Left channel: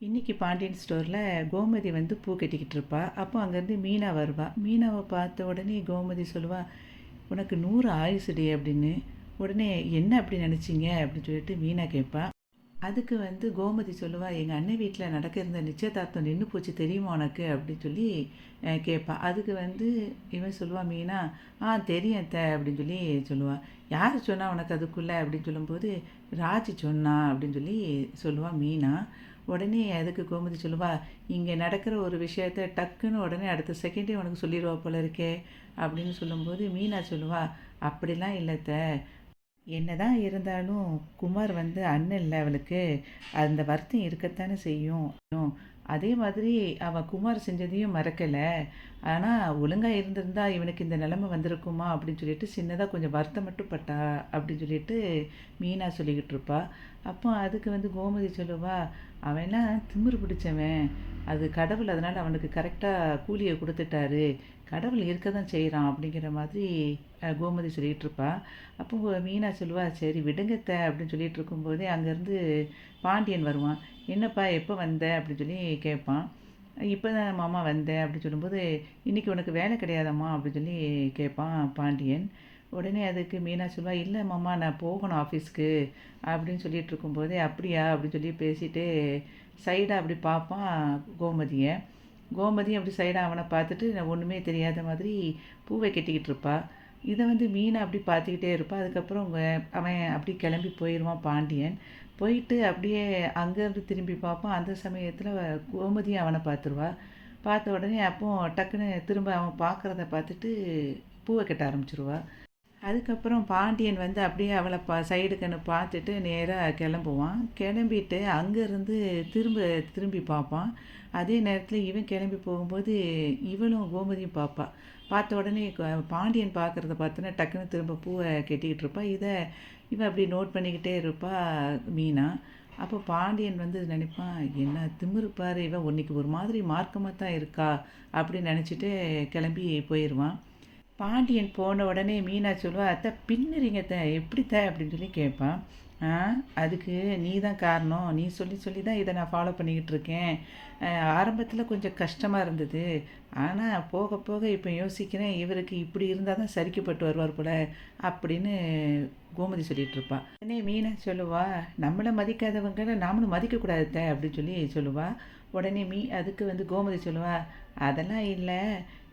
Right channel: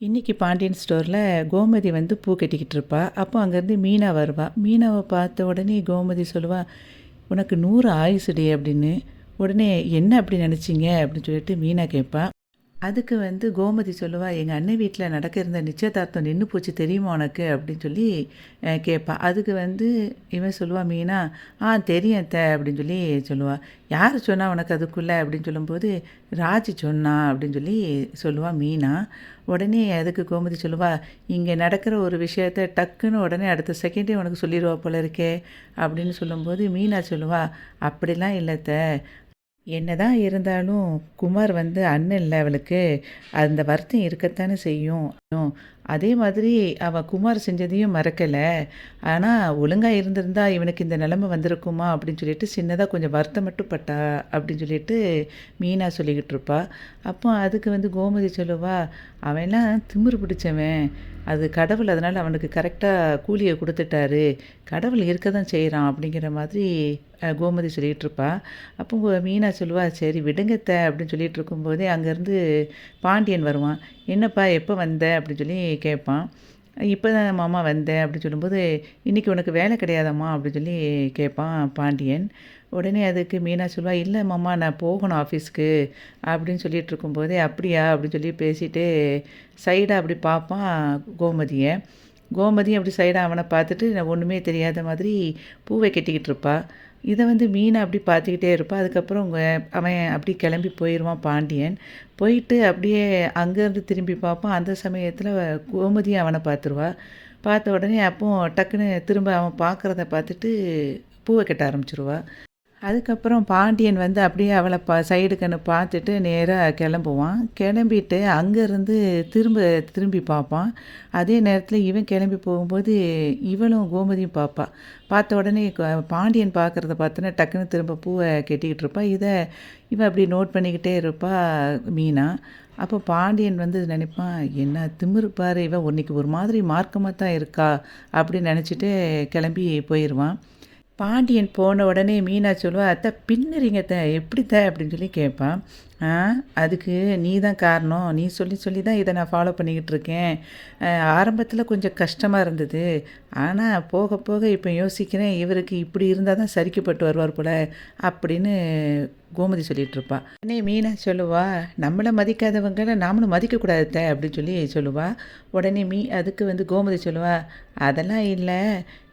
இன்னைக்கு பாண்டியன் ஸ்டோரில் கோமதி வந்து பூ கட்டிக்கிட்டு இருப்பா. அப்போ அங்கேருந்து மீனா வருவா. மீனாவை பார்த்த உடனே கோமதி சொல்லுவா, உனக்கு 100 ஆயுசுடி அப்படின்னு. உடனே என்ன அப்படி நினச்சிங்க அப்படின்னு சொல்லிட்டு மீனா கேட்பா. அதுக்கு வந்து கோமதி சொல்லுவா, "எங்க அண்ணன் வீட்ல நடக்க இருந்த நிச்சயதார்த்தம் நின்னு போச்சு தெரியுமா உனக்கு?" அப்படின்னு சொல்லி கேட்பா. அதுக்கு வந்து இவன் சொல்லுவா மீனா, தெரியும் அத்த" அப்படின்னு சொல்லி சொல்லுவா. "யார் சொன்னா உனக்கு அதுக்குள்ள?" அப்படின்னு சொல்லும்போது, "ராஜி சொன்னா" அப்படின்னு சொல்லி சொல்லுவா மீனா. உடனே அதுக்கு கோமதி சொல்லுவா, "இங்கே நடக்கிற ஒரு விஷயத்த டக்குன்னு உடனே அடுத்த செகண்டே உனக்கு சொல்லிருவா போல இருக்கே" அப்படின்னு சொல்லும்போது மீனா சொல்லுவா, "அப்படிலாம் இல்ல அத்த. என்னதான் இருந்தாலும் குமார் வந்து அண்ணன் இல்ல அவளுக்கு. அந்த வருத்தம் இருக்கத்தானே செய்யும். அதே மாதிரி அவ குமார் செஞ்சதையும் மறக்கல. ஆனா, ஒழுங்கா இருந்திருந்தா இவனுக்கு இந்த நிலைமை வந்திருக்குமா அப்படின்னு சொல்லிட்டு சின்னதா கொஞ்சம் வருத்தம் மட்டும் பட்டா அப்படின்னு சொல்லிட்டு மீனா சொல்லிக்கிட்டு இருப்பா. அப்போ அதுக்கு வந்து கோமதி சொல்லுவா, அவன்லாம் திமிரு பிடிச்சவன். அது கடவுள் அதனால அவனுக்கு கரெக்டாக கூலிய குடுத்துட்டாரு. கடவுள் இருக்க தான் செய்றான் அப்படிங்கிற மாதிரி கோமதி சொல்லிகிட்டு இருப்பா. அப்போ மீனா சொல்லுவா, "சரி விடுங்க அத்த" அப்படின்னு சொல்லிட்டு இருக்கும்போதே அங்கேருந்து பாண்டியன் வருவான். "என்னப்பா எப்போ வந்த?" அப்படின்னு சொல்லி கேட்பான். "இப்போ தான் மாமா வந்தேன்" அப்படின்னு சொல்லும்போது, "இன்னைக்கு உனக்கு வேலை கிடையாதாம்மா?" அப்படின்னு சொல்லி கேட்பான் பாண்டியன். உடனே அதுக்கு மீனா சொல்லுவா, "இல்ல மாமா நான் போகணும் ஆஃபீஸ்க்கு" அப்படின்னு சொல்லிட்டு இருக்கும்போதே, "அப்படியா?" அப்படின்னு சொல்லி பேசிட்டு சைடா அப்படி பார்ப்பான் கோமதிய. கோமதி அப்படி சைடா அவன பார்த்துட்டு ஒண்ணுமே தெரியாத மாதிரி பூவை கட்டிக்கிட்டு இருப்பா. இத வந்து மீனா அப்படி பார்த்துக்கிட்டே இருப்பா. அதுக்கப்புறம் அவன் அப்படி கிளம்பி போயிருவான் பாண்டியன். போயிட்டு அப்படியே அங்கேருந்து திரும்பி பார்ப்பான். அந்த சமயத்தில கோமதி அவன பார்த்துருவா. பார்த்த உடனே அப்போ டக்குன்னு திரும்ப அவன் பார்க்குறத பார்த்துட்டு பூவ கட்ட ஆரம்பிச்சுருவா. அதுக்கப்புறம் பாண்டியன் வந்து அப்படியே அவள சைடு கண்ணு பார்த்துட்டு நேரா கிளம்புவான். கிளம்பிட்டு அங்கேருந்து திரும்பி பார்ப்பான். அதே நேரத்தில இவன் கிளம்பி போகும்போது, இவளும் கோமதியும் பார்ப்பா. பார்த்த உடனே பாண்டியன் பார்க்குறத பார்த்தோன்னே டக்குன்னு திரும்ப பூவ கட்டிக்கிட்டு இருப்பா. இவ அப்படி நோட் பண்ணிக்கிட்டே இருப்பா மீனா. அப்போ பாண்டியன் வந்து நினைப்பான், "என்ன திமிரு பாரு! இவ இன்னைக்கு ஒரு மாதிரி மார்க்கமா தான் இருக்கா" அப்படின்னு நினச்சிட்டு கிளம்பி போயிருவான். பாண்டியன் போன உடனே மீனா சொல்லுவா, "அத்தை பின்னுறீங்க அத்தை, எப்படி அத்தை?" அப்படின்னு சொல்லி கேட்பான். "ஆ அதுக்கு நீ தான் காரணம். நீ சொல்லி சொல்லி தான் இதை நான் ஃபாலோ பண்ணிக்கிட்டு இருக்கேன். ஆரம்பத்தில் கொஞ்சம் கஷ்டமாக இருந்தது. ஆனால் போக போக இப்போ யோசிக்கிறேன், இவருக்கு இப்படி இருந்தால் தான் சரிக்கப்பட்டு வருவார் போல" அப்படின்னு கோமதி சொல்லிட்டு இருப்பா. உடனே மீனா சொல்லுவா, "நம்மளை மதிக்காதவங்கள நாமளும் மதிக்கக்கூடாது அத்தை" அப்படின்னு சொல்லி சொல்லுவா. உடனே அதுக்கு வந்து கோமதி சொல்லுவா, "அதெல்லாம் இல்லை.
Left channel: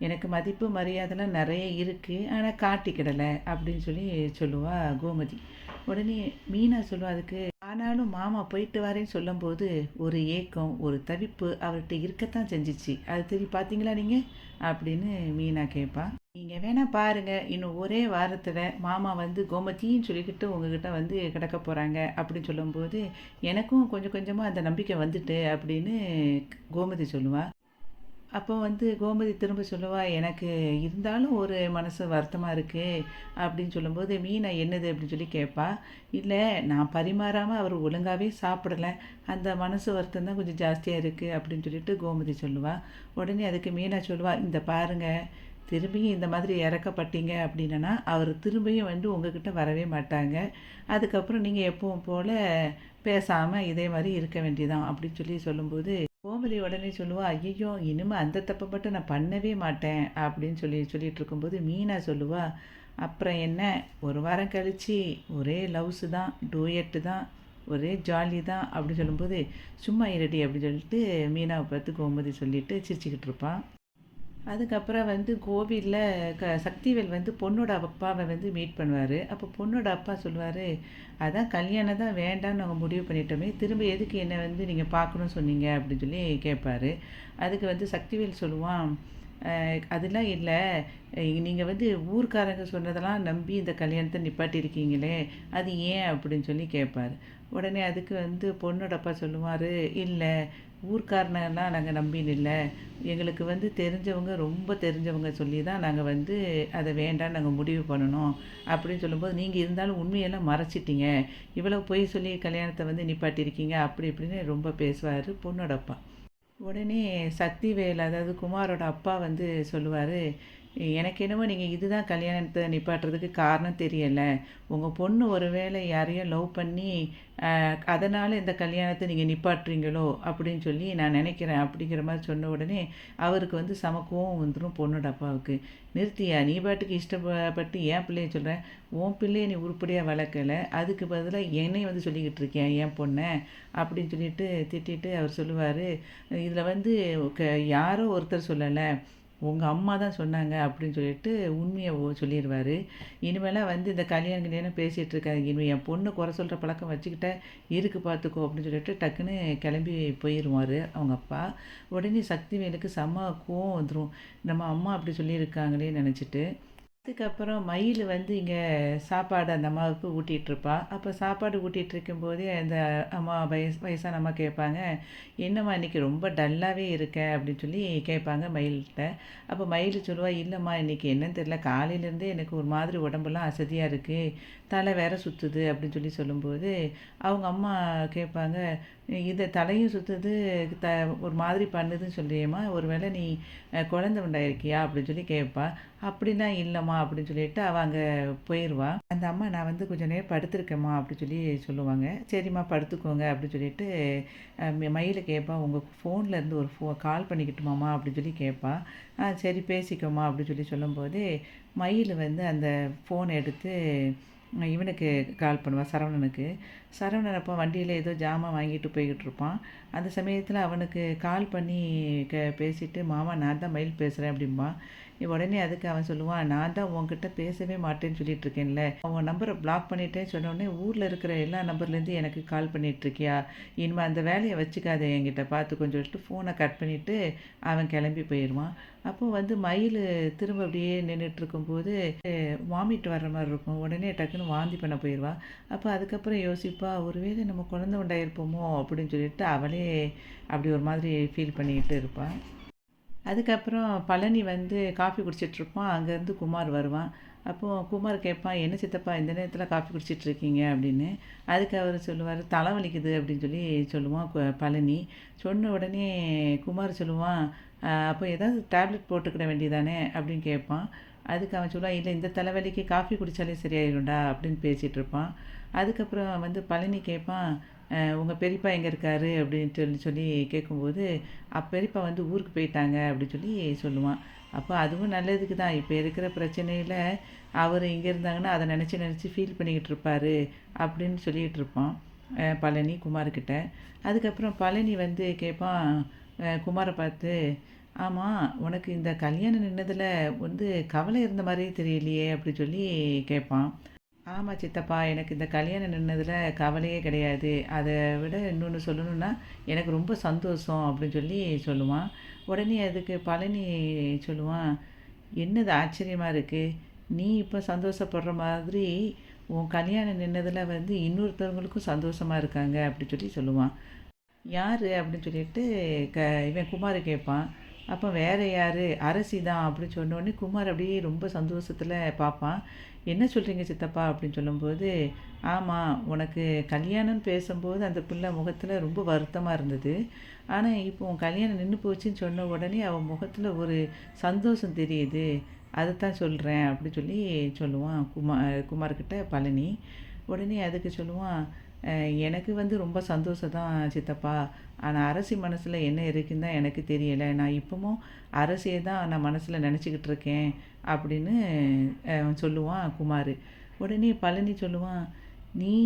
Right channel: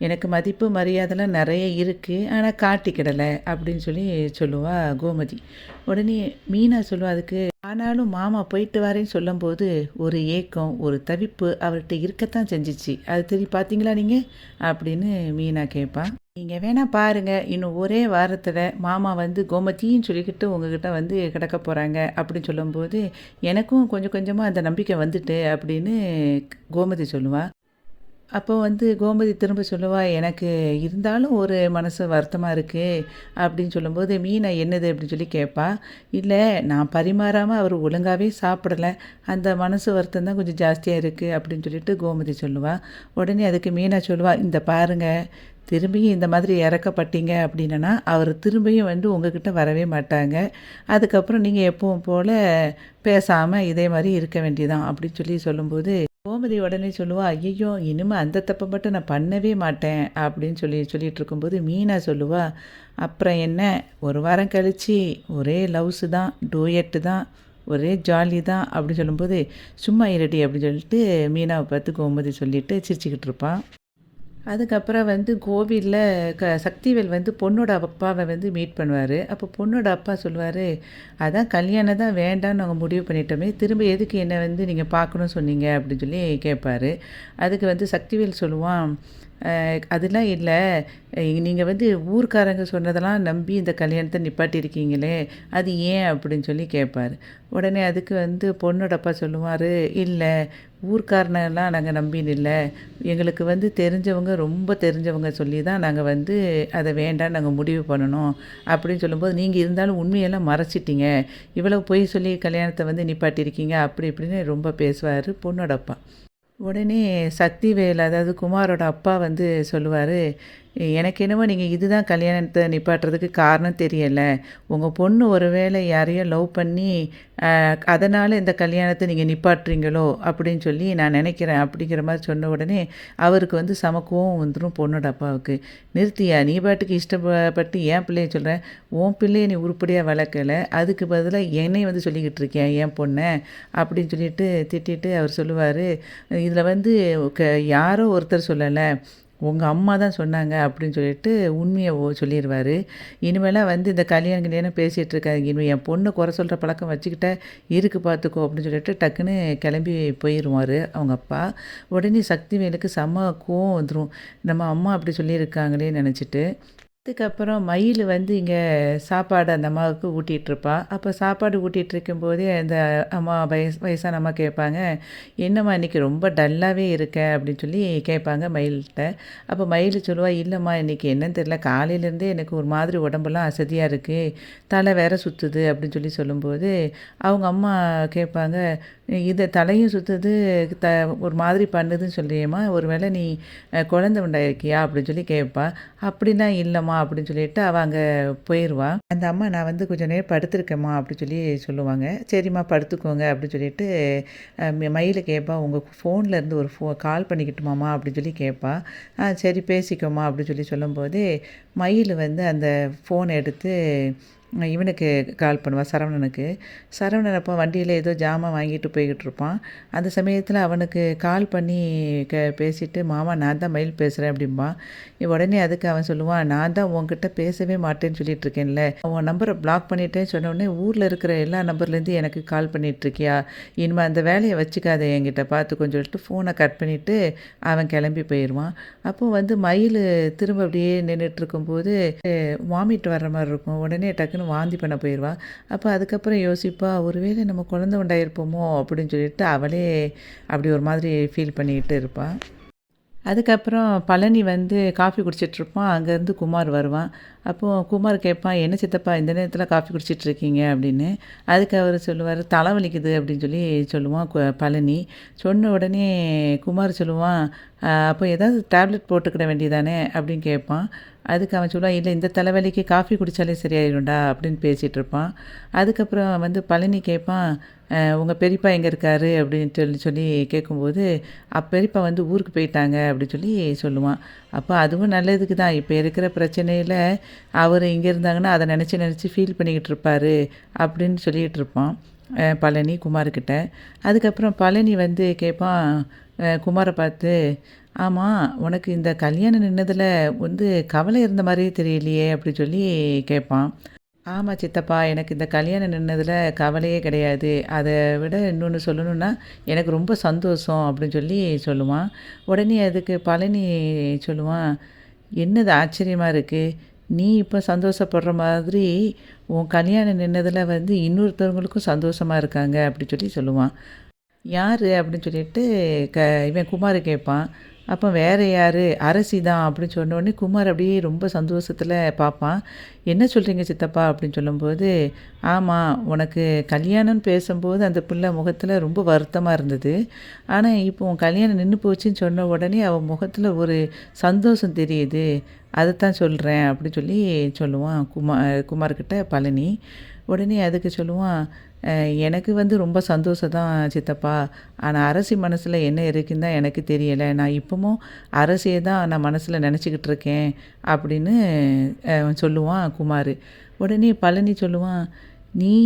எனக்கு மதிப்பு மரியாதைலாம் நிறைய இருக்குது. ஆனால் காட்டிக்கிடலை" அப்படின்னு சொல்லி சொல்லுவா கோமதி. உடனே மீனா சொல்லுவா அதுக்கு, "ஆனாலும் மாமா போயிட்டு வரேன்னு சொல்லும்போது ஒரு ஏக்கம், ஒரு தவிப்பு அவர்கிட்ட இருக்கத்தான் செஞ்சுச்சு. அது பார்த்தீங்களா நீங்கள்?" அப்படின்னு மீனா கேட்பா. "நீங்கள் வேணா பாருங்க, இன்னும் ஒரே வாரத்தில் மாமா வந்து கோமதின்னு சொல்லிக்கிட்டு உங்ககிட்ட வந்து கிடக்க போகிறாங்க" அப்படின்னு சொல்லும்போது, "எனக்கும் கொஞ்சம் கொஞ்சமாக அந்த நம்பிக்கை வந்துட்டு" அப்படின்னு கோமதி சொல்லுவா. அப்போ வந்து கோமதி திரும்ப சொல்லுவா, "எனக்கு இருந்தாலும் ஒரு மனசு வருத்தமா இருக்கு" அப்படின்னு சொல்லும்போது, "மீனா என்னது?" அப்படின்னு சொல்லி கேட்பா. "இல்ல நான் பரிமாறாம அவர் ஒழுங்காவே சாப்பிடல. அந்த மனசு வருத்தம் தான் கொஞ்சம் ஜாஸ்தியா இருக்கு" அப்படின்னு சொல்லிட்டு கோமதி சொல்லுவா. உடனே அதுக்கு மீனா சொல்லுவா, "இந்த பாருங்க, திரும்பியும் இந்த மாதிரி இறக்கப்பட்டீங்க அப்படின்னா, அவர் திரும்பியும் வந்து உங்ககிட்ட வரவே மாட்டாங்க. அதுக்கப்புறம் நீங்க எப்பவும் போல பேசாம இதே மாரி இருக்க வேண்டியதான்" அப்படின்னு சொல்லி சொல்லும்போது கோமதி உடனே சொல்லுவா, "ஐயய்யோ! இனிமே அந்த தப்ப மட்டும் நான் பண்ணவே மாட்டேன்" அப்படின்னு சொல்லிட்டு இருக்கும்போது, மீனா சொல்லுவா, "அப்புறம் என்ன? ஒரு வாரம் கழிச்சு ஒரே லவ்ஸு தான், டூயட்டு தான், ஒரே ஜாலி தான்" அப்படின்னு சொல்லும்போது, "சும்மா இருடி" அப்படின்னு சொல்லிட்டு மீனாவ பார்த்து கோமதி சொல்லிட்டு சிரிச்சுக்கிட்டு இருப்பா. அதுக்கப்புறம் வந்து கோவில்ல சக்திவேல் வந்து பொண்ணோட அப்பாவை வந்து மீட் பண்ணுவார். அப்போ பொண்ணோட அப்பா சொல்லுவார், "அதான் கல்யாணம் தான் வேண்டான்னு நாங்கள் முடிவு பண்ணிட்டோமே, திரும்ப எதுக்கு என்னை வந்து நீங்கள் பார்க்கணும்னு சொன்னீங்க?" அப்படின்னு சொல்லி கேட்பாரு. அதுக்கு வந்து சக்திவேல் சொல்லுவான், அதெல்லாம் இல்ல. நீங்க வந்து ஊர்க்காரங்க சொன்னதெல்லாம் நம்பி இந்த கல்யாணத்த நிப்பாட்டியிருக்கீங்களே, அது ஏன்?" அப்படின்னு சொல்லி கேட்பாரு. உடனே அதுக்கு வந்து பொண்ணோட அப்பா சொல்லுவாரு, "இல்ல, ஊர்க்காரனெல்லாம் நாங்க நம்பின்னு இல்ல. எங்களுக்கு வந்து தெரிஞ்சவங்க, ரொம்ப தெரிஞ்சவங்க சொல்லி தான் நாங்க வந்து அத வேண்டான்னு நாங்க முடிவு பண்ணுனோம்." அப்படின்னு சொல்லும்போது, "நீங்க இருந்தாலும் உண்மையெல்லாம் மறைச்சிட்டீங்க. இவ்வளவு பொய் சொல்லி கல்யாணத்த வந்து நிப்பாட்டியிருக்கீங்க." அப்படி இப்படின்னு ரொம்ப பேசுவாரு பொண்ணோட அப்பா. உடனே சக்திவேல் அதாவது குமாரோட அப்பா வந்து சொல்லுவாரு, எனக்கு என்னமோ நீங்கள் இதுதான் கல்யாணத்தை நிப்பாட்டுறதுக்கு காரணம் தெரியல. உங்கள் பொண்ணு ஒரு வேளை யாரையோ லவ் பண்ணி அதனால் இந்த கல்யாணத்தை நீங்கள் நிப்பாட்டுறீங்களோ அப்படின்னு சொல்லி நான் நினைக்கிறேன் அப்படிங்கிற மாதிரி சொன்ன உடனே அவருக்கு வந்து செம கோவம் வந்துடும் பொண்ணோட அப்பாவுக்கு. நிறுத்தியா, நீ பாட்டுக்கு இஷ்டப்பட்டு என் பிள்ளைய சொல்கிறேன், உன் பிள்ளைய நீ உருப்படியாக வளர்க்கலை, அதுக்கு பதிலாக என்னையும் வந்து சொல்லிக்கிட்டு இருக்கேன் என் பொண்ணை அப்படின்னு சொல்லிட்டு திட்டிட்டு அவர் சொல்லுவார், இதில் வந்து யாரோ ஒருத்தர் சொல்லலை, உங்கள் அம்மா தான் சொன்னாங்க அப்படின்னு சொல்லிட்டு உண்மையை சொல்லிடுவார். இனிமேலாம் வந்து இந்த கல்யாணம் பேசிகிட்டு இருக்காங்க, இனிமேல் என் பொண்ணு குறை சொல்கிற பழக்கம் வச்சுக்கிட்ட இருக்கு பார்த்துக்கோ அப்படின்னு சொல்லிட்டு டக்குன்னு கிளம்பி போயிடுவார் அவங்க அப்பா. உடனே சக்திவேலுக்கு செம்ம கோவம் வந்துடும், நம்ம அம்மா அப்படி சொல்லியிருக்காங்களே நினச்சிட்டு. அதுக்கப்புறம் மயில் வந்து இங்கே சாப்பாடு அந்த அம்மாவுக்கு ஊட்டிகிட்ருப்பா. அப்போ சாப்பாடு ஊட்டிகிட்டு இருக்கும்போதே அந்த அம்மா வயசான அம்மா கேட்பாங்க, என்னம்மா இன்றைக்கி ரொம்ப டல்லாகவே இருக்க அப்படின்னு சொல்லி கேட்பாங்க மயில்கிட்ட. அப்போ மயில் சொல்லுவா, இல்லைம்மா இன்றைக்கி என்னன்னு தெரியல, காலையிலேருந்தே எனக்கு ஒரு மாதிரி உடம்பெல்லாம் அசதியாக இருக்குது, தலை வேற சுற்றுது அப்படின்னு சொல்லி சொல்லும்போது அவங்க அம்மா கேட்பாங்க, இது தலையும் சுற்றுது த ஒரு மாதிரி பண்ணுதுன்னு சொல்றியேம்மா, ஒரு வேளை நீ குழந்தை உண்டாயிருக்கியா அப்படின்னு சொல்லி கேட்பா. அப்படிலாம் இல்லைம்மா அப்படின்னு சொல்லிட்டு அவள் அங்கே போயிடுவா. அந்த அம்மா, நான் வந்து கொஞ்சம் நேரம் படுத்திருக்கேம்மா அப்படின்னு சொல்லி சொல்லுவாங்க. சரிம்மா படுத்துக்கோங்க அப்படின்னு சொல்லிட்டு மயிலை கேட்பா, உங்கள் ஃபோனில் இருந்து ஒரு கால் பண்ணிக்கிட்டுமாம்மா அப்படின்னு சொல்லி கேட்பா. சரி பேசிக்கோமா அப்படின்னு சொல்லி சொல்லும்போதே மயில் வந்து அந்த ஃபோனை எடுத்து இவனுக்கு கால் பண்ணுவான், சரவணனுக்கு. சரவணன் அப்போ வண்டியில் ஏதோ ஜாமான் வாங்கிட்டு போய்கிட்டு இருப்பான். அந்த சமயத்தில் அவனுக்கு கால் பண்ணி பேசிவிட்டு, மாமா நான் தான் மயில் பேசுகிறேன் அப்படிம்பான். உடனே அதுக்கு அவன் சொல்லுவான், நான் தான் உன்கிட்ட பேசவே மாட்டேன்னு சொல்லிட்டு இருக்கேன்ல, உன் நம்பரை பிளாக் பண்ணிட்டேன்னு சொன்னோடனே ஊரில் இருக்கிற எல்லா நம்பர்லேருந்து எனக்கு கால் பண்ணிகிட்ருக்கியா, இனிமேல் அந்த வேலையை வச்சுக்காத என்கிட்ட பார்த்துக்கோன்னு சொல்லிட்டு ஃபோனை கட் பண்ணிவிட்டு அவன் கிளம்பி போயிடுவான். அப்போது வந்து மயில் திரும்ப அப்படியே நின்றுட்டுருக்கும்போது வாமிட் வர்ற மாதிரி இருக்கும். உடனே டக்குன்னு வாந்தி பண்ண போயிடுவா. அப்போ அதுக்கப்புறம் யோசிப்பா, ஒருவேளை நம்ம குழந்தை உண்டாயிருப்போமோ அப்படின்னு சொல்லிட்டு அவளே அப்படி ஒரு மாதிரி ஃபீல் பண்ணிக்கிட்டு இருப்பாள். அதுக்கப்புறம் பழனி வந்து காஃபி குடிச்சிட்ருப்பான். அங்கேருந்து குமார் வருவான். அப்போது குமார் கேட்பான், என்ன சித்தப்பா இந்த நேரத்தில் காஃபி குடிச்சிட்ருக்கீங்க அப்படின்னு. அதுக்கு அவர் சொல்லுவார், தலைவலிக்குது அப்படின்னு சொல்லி சொல்லுவான் பழனி. சொன்ன உடனே குமார் சொல்லுவான், அப்போ ஏதாவது டேப்லெட் போட்டுக்கிட வேண்டியதானே அப்படின்னு கேட்பான். அதுக்கு அவன் சொல்லுவான், இல்லை இந்த தலைவலிக்கு காஃபி குடித்தாலே சரியாயிடும்டா அப்படின்னு பேசிகிட்டு இருப்பான். அதுக்கப்புறம் வந்து பழனி கேட்பான், உங்கள் பெரியப்பா எங்கே இருக்கார் அப்படின்னு சொல்லி சொல்லி கேட்கும்போது, பெரியப்பா வந்து ஊருக்கு போயிட்டாங்க அப்படின்னு சொல்லி சொல்லுவான். அப்போ அதுவும் நல்லதுக்கு தான், இப்போ இருக்கிற பிரச்சனையில் அவர் இங்கே இருந்தாங்கன்னா அதை நினச்சி நினச்சி ஃபீல் பண்ணிக்கிட்டு இருப்பார் அப்படின்னு சொல்லிகிட்டு இருப்பான் பழனி குமார்கிட்ட. அதுக்கப்புறம் பழனி வந்து கேட்பான் குமாரை பார்த்து, ஆமாம் உனக்கு இந்த கல்யாணம் நின்னதில் வந்து கவலை இருந்த மாதிரியே தெரியலையே அப்படி சொல்லி கேட்பான். ஆமாம் சித்தப்பா, எனக்கு இந்த கல்யாணம் நின்னதில் கவலையே கிடையாது, அதை விட இன்னொன்று சொல்லணுன்னா எனக்கு ரொம்ப சந்தோஷம் அப்படின்னு சொல்லி சொல்லுவான். உடனே அதுக்கு பழனி சொல்லுவான், என்னது ஆச்சரியமாக இருக்குது, நீ இப்போ சந்தோஷப்படுற மாதிரி உன் கல்யாணம் நின்னதில் வந்து இன்னொருத்தவங்களுக்கும் சந்தோஷமாக இருக்காங்க அப்படி சொல்லி சொல்லுவான். யார் அப்படின்னு சொல்லிட்டு இவன் குமார் கேட்பான். அப்போ வேறு யார், அரசி தான் அப்படின்னு சொன்னோடனே குமார் அப்படியே ரொம்ப சந்தோஷத்தில் பார்ப்பான். என்ன சொல்கிறீங்க சித்தப்பா அப்படின்னு சொல்லும்போது, ஆமாம் உனக்கு கல்யாணம்னு பேசும்போது அந்த பிள்ளை முகத்தில் ரொம்ப வருத்தமாக இருந்தது, ஆனால் இப்போ உன் கல்யாணம் நின்று போச்சுன்னு சொன்ன உடனே அவன் முகத்தில் ஒரு சந்தோஷம் தெரியுது, அதைத்தான் சொல்கிறேன் அப்படி சொல்லி சொல்லுவான் குமார்கிட்ட பழனி. உடனே அதுக்கு சொல்லுவான், எனக்கு வந்து ரொம்ப சந்தோஷம் தான் சித்தப்பா, ஆனால் அரசி மனசில் என்ன இருக்குன்னு தான் எனக்கு தெரியலை, நான் இப்போவும் அரசியை தான் நான் மனசில் நினச்சிக்கிட்டு இருக்கேன் அப்படின்னு சொல்லுவான் குமார். உடனே பழனி சொல்லுவான், நீ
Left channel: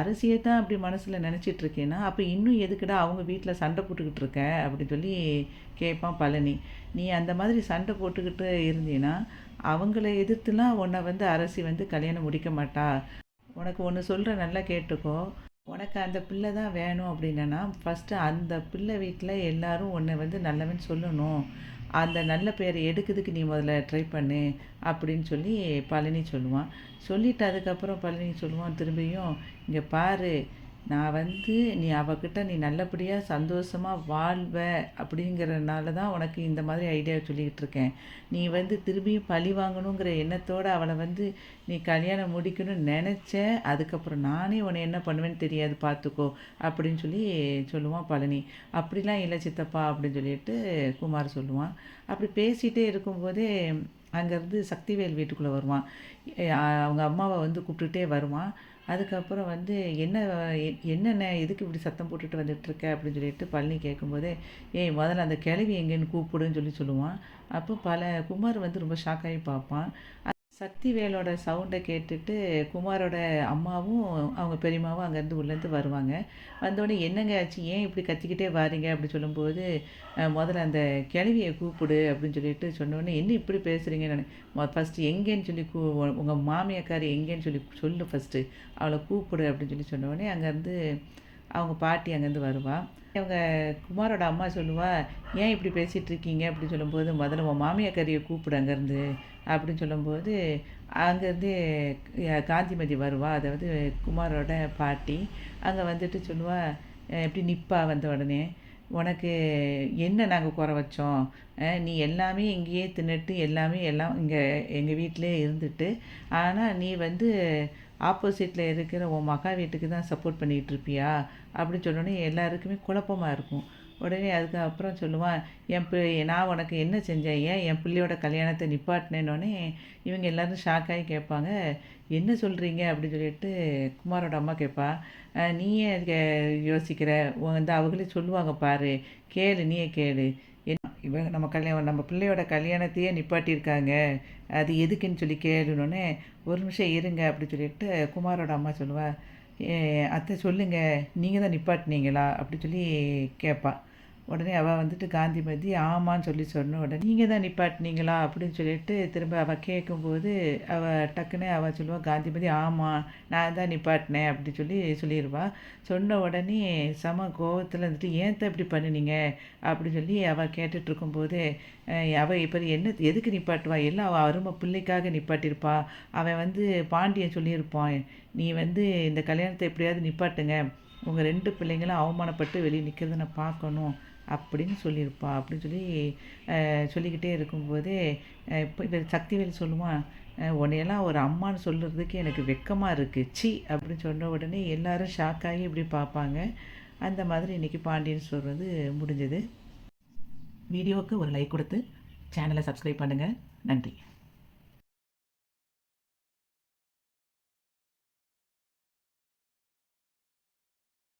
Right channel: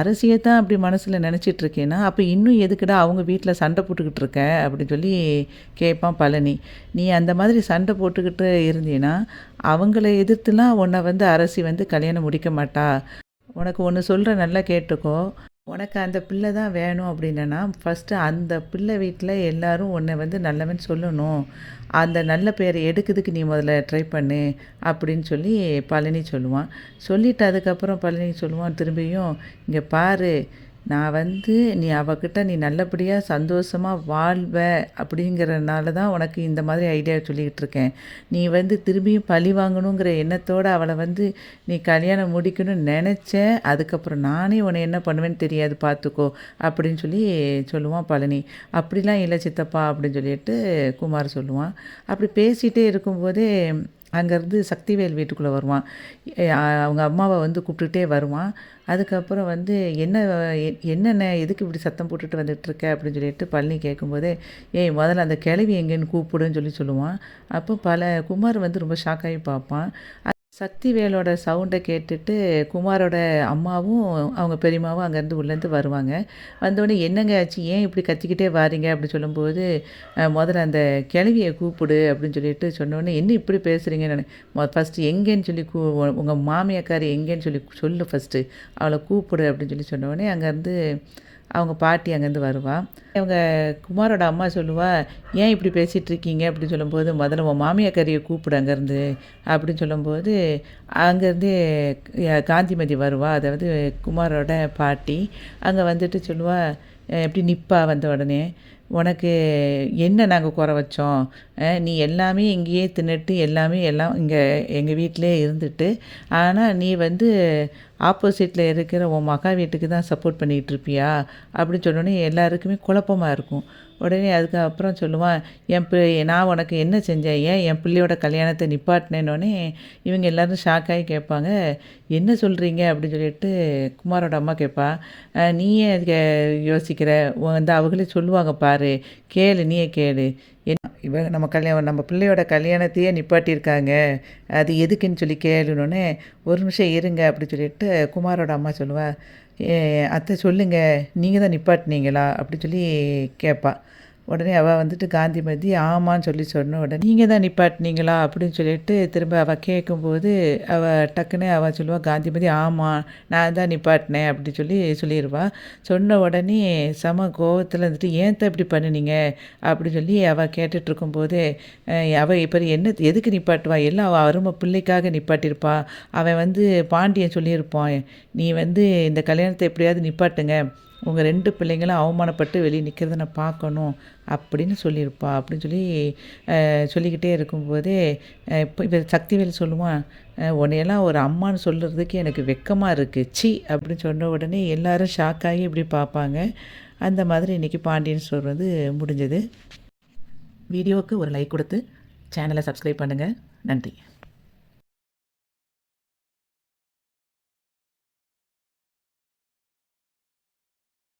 அரசியை தான் அப்படி மனசில் நினச்சிட்ருக்கேன்னா அப்போ இன்னும் எதுக்குடா அவங்க வீட்டில் சண்டை போட்டுக்கிட்டு இருக்க அப்படின்னு சொல்லி கேட்பான் பழனி. நீ அந்த மாதிரி சண்டை போட்டுக்கிட்டு இருந்தீன்னா அவங்கள எதிர்த்துலாம் உன்னை வந்து அரசி வந்து கல்யாணம் முடிக்க மாட்டா. உனக்கு ஒன்று சொல்கிறேன், நல்லா கேட்டுக்கோ, உனக்கு அந்த பிள்ளை தான் வேணும் அப்படின்னா ஃபஸ்ட்டு அந்த பிள்ளை வீட்டில் எல்லோரும் உன்னை வந்து நல்லவன் சொல்லணும், அந்த நல்ல பேரை எடுக்கிறதுக்கு நீ முதல்ல ட்ரை பண்ணு அப்படின்னு சொல்லி பழனி சொல்லுவான். சொல்லிவிட்டு அதுக்கப்புறம் பழனி சொல்லுவான் திரும்பியும், இங்கே பாரு, நான் வந்து நீ நல்லபடியாக சந்தோஷமாக வாழ்வ அப்படிங்கிறனால தான் உனக்கு இந்த மாதிரி ஐடியா சொல்லிக்கிட்டு இருக்கேன். நீ வந்து திரும்பியும் பழி வாங்கணுங்கிற எண்ணத்தோடு அவளை வந்து நீ கல்யாணம் முடிக்கணும்னு நினச்ச, அதுக்கப்புறம் நானே உன்னை என்ன பண்ணுவேன்னு தெரியாது பார்த்துக்கோ அப்படின்னு சொல்லி சொல்லுவான் பழனி. அப்படிலாம் இல்லை சித்தப்பா அப்படின்னு சொல்லிட்டு குமார் சொல்லுவான். அப்படி பேசிகிட்டே இருக்கும்போதே அங்கேருந்து சக்திவேல் வீட்டுக்குள்ளே வருவான். அவங்க அம்மாவை வந்து கூப்பிட்டுட்டே வருவான். அதுக்கப்புறம் வந்து என்னண்ணே எதுக்கு இப்படி சத்தம் போட்டுட்டு வந்துட்டுருக்க அப்படின்னு சொல்லிட்டு பழனி கேட்கும்போதே, ஏய் முதல்ல அந்த கிழவி எங்கேன்னு கூப்பிடுன்னு சொல்லுவான். அப்போ குமார் வந்து ரொம்ப ஷாக்காகி பார்ப்பான். சக்திவேலோட சவுண்டை கேட்டுட்டு குமாரோட அம்மாவும் அவங்க பெரியம்மாவும் அங்கேருந்து உள்ளேருந்து வருவாங்க. வந்தோடனே என்னங்க ஆச்சு, ஏன் இப்படி கத்திக்கிட்டே வாரீங்க அப்படி சொல்லும்போது, முதல்ல அந்த கிழவியை கூப்பிடு அப்படின்னு சொல்லிட்டு சொன்னோடனே, என்ன இப்படி பேசுகிறீங்க நான் ஃபஸ்ட்டு எங்கேன்னு சொல்லி உங்கள் மாமியாக்காரி எங்கேன்னு சொல்லு ஃபஸ்ட்டு, அவளை கூப்பிடு அப்படின்னு சொன்னோடனே அங்கேருந்து அவங்க பாட்டி அங்கேருந்து வருவா. இவங்க குமாரோட அம்மா சொல்லுவா, ஏன் இப்படி பேசிகிட்டு இருக்கீங்க அப்படின்னு சொல்லும்போது, முதல்ல உன் மாமியாக்காரியை கூப்பிடு அங்கேருந்து அப்படின்னு சொல்லும்போது, அங்கேருந்து காந்திமதி வருவா. அதாவது குமாரோட பாட்டி. அங்கே வந்துட்டு சொல்லுவா, எப்படி நிற்பா வந்த உடனே, உனக்கு என்ன நாங்கள் குறை வச்சோம், நீ எல்லாமே இங்கேயே தின்னுட்டு எல்லாம் இங்கே எங்கள் வீட்டிலே இருந்துட்டு, ஆனால் நீ வந்து ஆப்போசிட்டில் இருக்கிற உன் மகா வீட்டுக்கு தான் சப்போர்ட் பண்ணிகிட்டு இருப்பியா அப்படின்னு சொன்னோடனே எல்லாருக்குமே குழப்பமாக இருக்கும். உடனே அதுக்கப்புறம் சொல்லுவான், நான் உனக்கு என்ன செஞ்சேன், ஏன் என் பிள்ளையோட கல்யாணத்தை நிப்பாட்டினேன்னொடனே இவங்க எல்லோரும் ஷாக்காகி கேட்பாங்க, என்ன சொல்கிறீங்க அப்படின்னு சொல்லிட்டு குமாரோட அம்மா கேட்பா. நீயே அதுக்கு யோசிக்கிற, வந்து அவங்களே சொல்லுவாங்க பாரு, கேளு நீயே கேளு, நம்ம பிள்ளையோட கல்யாணத்தையே நிப்பாட்டியிருக்காங்க, அது எதுக்குன்னு சொல்லி கேளுனோடனே, ஒரு நிமிஷம் இருங்க அப்படி சொல்லிட்டு குமாரோட அம்மா சொல்லுவா, அத்தை சொல்லுங்கள், நீங்கள் தான் நிப்பாட்டினீங்களா அப்படி சொல்லி கேட்பா. உடனே அவள் வந்துட்டு காந்திமதி ஆமான்னு சொன்ன உடனே, நீங்கள் தான் நிப்பாட்டினீங்களா அப்படின்னு சொல்லிட்டு திரும்ப அவள் கேட்கும்போது, அவள் சொல்லுவாள், காந்திமதி ஆமாம் நான் தான் நிப்பாட்டினேன் அப்படி சொல்லிடுவா. சொன்ன உடனே செம கோவத்தில் வந்துட்டு, ஏன் தான் இப்படி பண்ணினீங்க அப்படி சொல்லி அவள் கேட்டுட்ருக்கும்போது, அவள் இப்போ எதுக்கு நிப்பாட்டுவா, எல்லாம் அவள் அருமை பிள்ளைக்காக நிப்பாட்டியிருப்பா. அவன் வந்து பாண்டியன் சொல்லியிருப்பான், நீ வந்து இந்த கல்யாணத்தை எப்படியாவது நிப்பாட்டுங்க, உங்கள் 2 பிள்ளைங்களும் அவமானப்பட்டு வெளியே நிற்கிறத நான் பார்க்கணும் அப்படின்னு சொல்லியிருப்பா அப்படின்னு சொல்லிக்கிட்டே இருக்கும்போதே, இப்போ சக்திவேல் சொல்லுவான், உன்னையெல்லாம் ஒரு அம்மான்னு சொல்கிறதுக்கு எனக்கு வெக்கமாக இருக்குது, சி அப்படின்னு சொன்ன உடனே எல்லோரும் ஷாக்காகி இப்படி பார்ப்பாங்க. அந்த மாதிரி இன்றைக்கி பாண்டியன் ஸ்டோர் வந்து முடிஞ்சது. வீடியோவுக்கு ஒரு லைக் கொடுத்து சேனலை சப்ஸ்கிரைப் பண்ணுங்கள். நன்றி.